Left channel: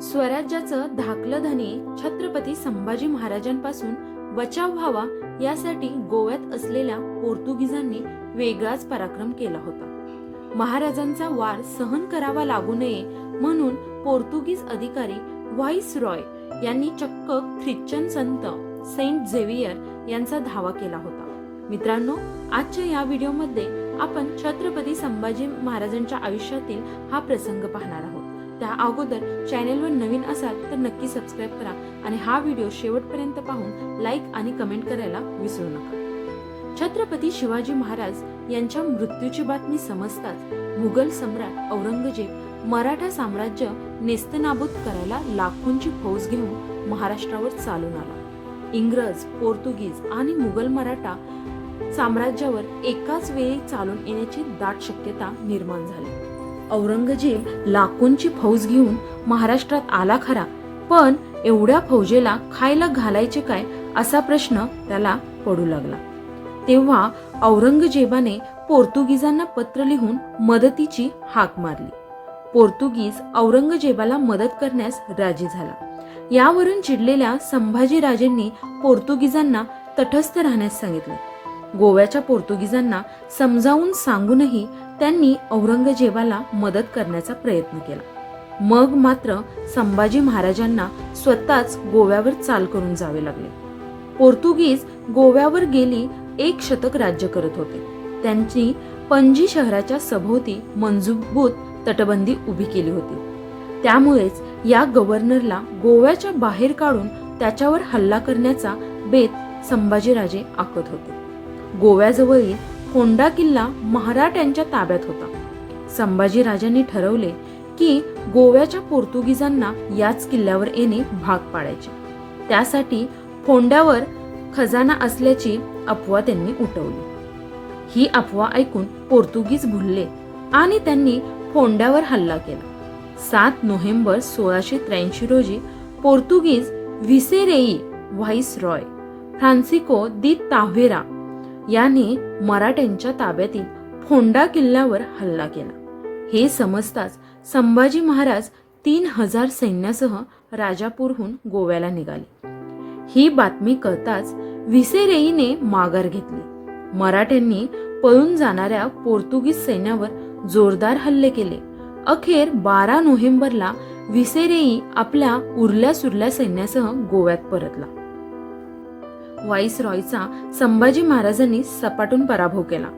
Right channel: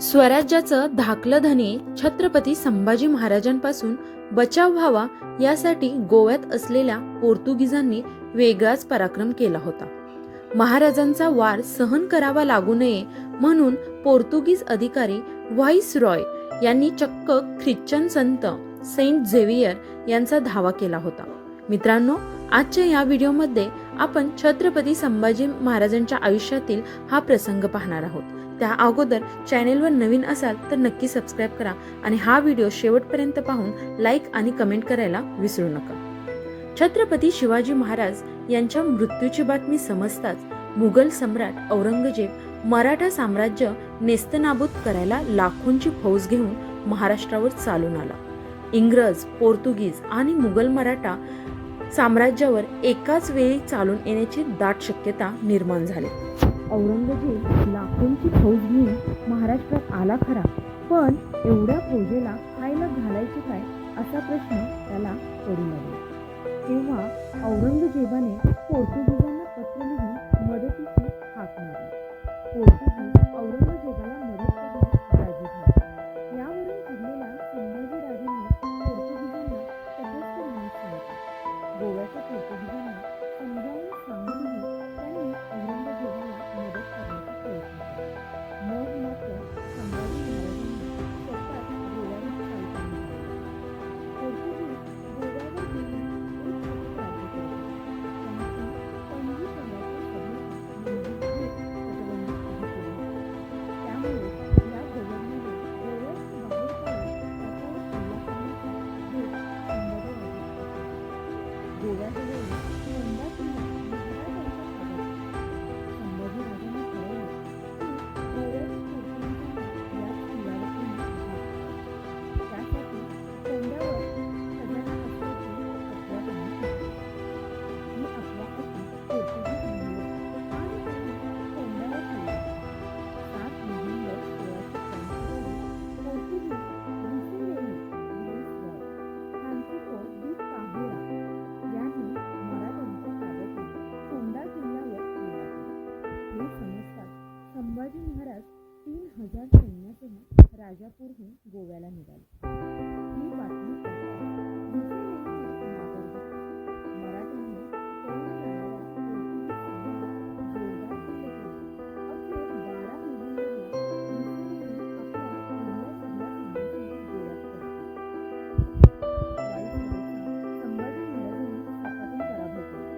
स्वराज्याचं धाकलं धनी छत्रपती संभाजी महाराजांपासून बचाव व्हावा यासाठी गोव्यात असलेल्या पोर्तुगीजांनी वेगळाच पराक्रम केला होता। महाराजांचा वार सहन करावा लागू नये म्हणून पोर्तुगीज अधिकारी व्हाईसरॉय यांनी चक्क ख्रिश्चन संत सेंट झेवियर यांचा धावा केला होता। मित्रांनो, आजच्या या व्हिडिओमध्ये आपण छत्रपती संभाजी महाराजांच्या आयुष्यातील हा प्रसंग पाहणार आहोत। त्या अगोदर चॅनेलवर नवीन असाल तर नक्की सबस्क्राइब करा आणि हा व्हिडिओ शेवटपर्यंत पाहून लाईक आणि कमेंट करायला विसरू नका। छत्रपती शिवाजी महाराज यांच्या मृत्यूची बातमी समजताच मुघल सम्राट औरंगजेब मराठा साम्राज्य नेस्तनाबूत करायला लाखोंची फौज घेऊन महाराष्ट्रावर चालून आला। इंग्रज, पोर्तुगीज आणि मुघल मराठा साम्राज्यावर एकाच वेळी चालून येण्याची दाट शक्यता निर्माण झाली। औरंगजेब लाखोंची फौज घेऊन महाराष्ट्रात आला खरा, पण एवढ्या फौजेला खायला घालायचे काय असा प्रश्न त्याला पडू लागला। तेव्हा औरंगजेबाने पोर्तुगीजांना पत्र लिहून मदतीची हाक मारली। पोर्तुगीज औरंगजेबाला मदत करण्यास राजी झाला। यावरून चिडलेल्या संभाजीराजेंनी पोर्तुगीजांना तटस्थ राहण्यास सांगितले। गोव्याच्या पोर्तुगीजांना समजावून सांगूनही त्यांनी औरंगजेबाला मदत करण्याचा प्रयत्न केला। मग मात्र संभाजी महाराजांना स्वतःच गोव्यावर चाल करून जावे लागले। पोर्तुगीज गोव्यावर गेली 1 शतक राज्य करत होते। त्यांची पणजी शहराच्या सभोवती मजबूत तटबंदी उभी केली होती। त्यामुळेच या गव्हर्नरला गोव्याच्या बाहेर काढून त्याच्यावर हल्ला करण्याचा बेत संभाजीराजे आखत होते। गोव्याजवळील फोंडा किल्ला मराठ्यांच्या ताब्यात होता। संभाजीराजांनी ठरवले की गोव्याच्या पोर्तुगीजांना याच किल्ल्यावर येणे भाग पाडायचे। त्यासाठी फोंड्यावर खजाना असल्याची अफवा त्यांनी उठवली। ही अफवा ऐकून पोर्तुगीज भुलले आणि त्यांनी फोंड्यावर हल्ला केला। 7 नोव्हेंबर 1683 रोजी पोर्तुगीज व्हिसेरेई व्हाईसरॉय फ्रान्सिस्को दी ताव्हेरा याने मराठ्यांच्या ताब्यातील फोंडा किल्ल्यावर हल्ला केला। हे समजताच संभाजी महाराज 3000 सैन्यासह राजापूरहून गोव्याला निघाले। ही बातमी कळताच व्हिसेरेईने माघार घेतली। मराठ्यांनी पळून जाणाऱ्या पोर्तुगीज सैन्यावर जोरदार हल्ले केले। अखेर 12 नोव्हेंबरला व्हिसेरेई आपल्या उरल्या सुरल्या सैन्यासह गोव्यात परतला। व्हाईसरॉयचा संभाजी महाराजांनी सपाटून पराभव केला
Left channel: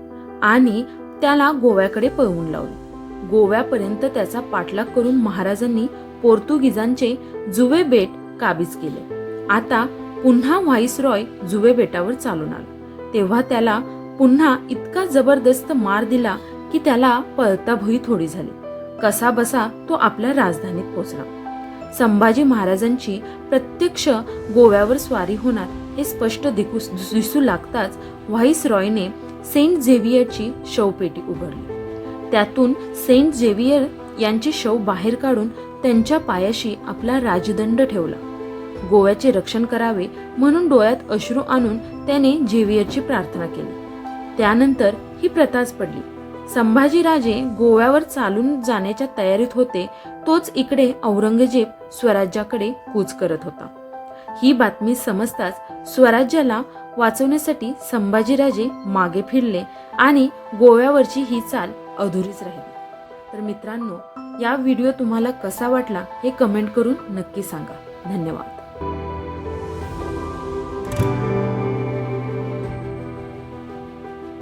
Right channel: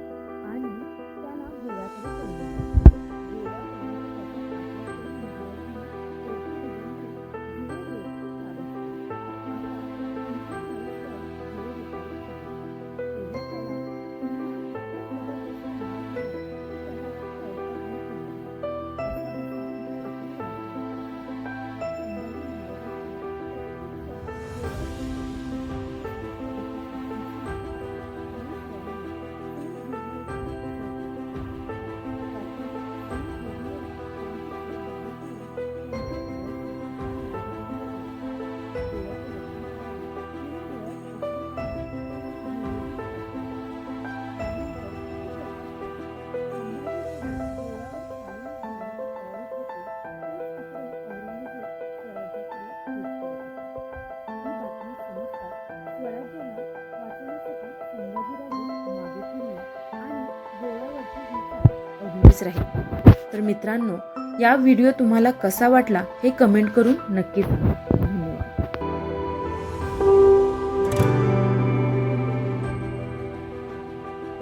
आणि त्याला गोव्याकडे पळवून लावले। गोव्यापर्यंत त्याचा पाठलाग करून महाराजांनी पोर्तुगीजांचे जुवे बेट काबीज केले। आता पुन्हा व्हाईसरॉय जुवे बेटावर चालून आला। तेव्हा त्याला पुन्हा इतका जबरदस्त मार दिला की त्याला पळता भुई थोडी झाली। कसा बसा तो आपल्या राजधानीत पोहोचला। संभाजी महाराजांची प्रत्यक्ष गोव्यावर स्वारी होणार हे स्पष्ट दिसू लागताच व्हाईसरॉयने सेंट झेवियरची शवपेटी उघडली। त्यातून सेंट झेवियर यांचे शव बाहेर काढून त्यांच्या पायाशी आपला राजदंड ठेवला। गोव्याचे रक्षण करावे म्हणून डोळ्यात अश्रू आणून त्याने झेवियरची प्रार्थना केली। त्यानंतर ही प्रथाच पडली। संभाजीराजे गोव्यावर चालून जाण्याच्या तयारीत होते, तोच इकडे औरंगजेब स्वराज्याकडे कूच करत होता। ही बातमी समजताच स्वराज्याला वाचवण्यासाठी संभाजीराजे मागे फिरले आणि गोव्यावरची ही चाल अधुरीच राहिली। तर मित्रांनो, या व्हिडिओ तुम्हाला कसा वाटला हे कमेंट करून नक्की सांगा।